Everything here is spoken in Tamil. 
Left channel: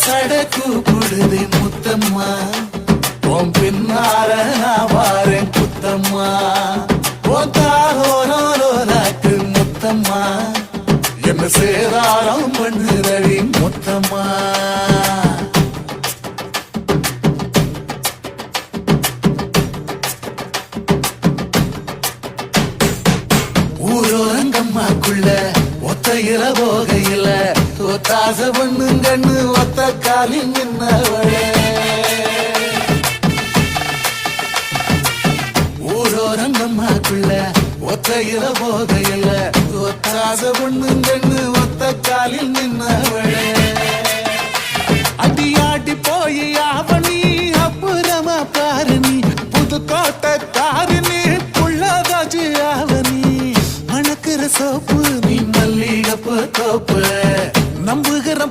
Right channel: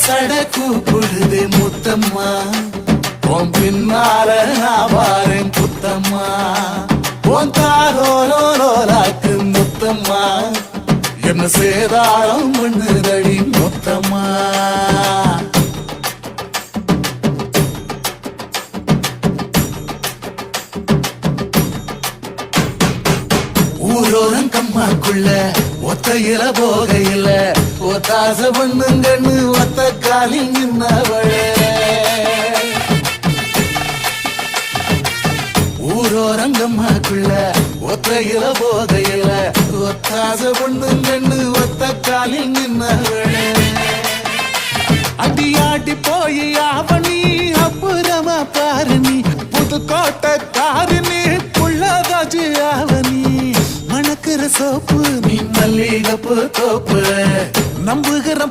சடக்கு புடுது முத்தம்மா உன் பின்னால நான் வாரேன் புத்தம்மா உன் தாரோரோராக்கு முத்தம்மா என்ன சேதாரம் பண்ணுதடி முத்தம்மா ஊரோரங்கம்மாக்குள்ள ஒத்தையில போகையில ஒத்தாச பண்ணுங்கன்னு ஒத்த காலில் நின்னவளே ஊரோரங்கம்மாக்குள்ள ஒத்தையில போகையில ஒத்தாச பண்ணுங்கன்னு ஒத்த காலில் நின்னவளே அடியாடி போய் அவனி அப்புறமா பாரு நீ புதுக்கோட்டை காரினி புள்ளதாச்சு அவனி மணக்கிற சோப்பு நீ மல்லிகப்பு தோப்பு நம்புகிற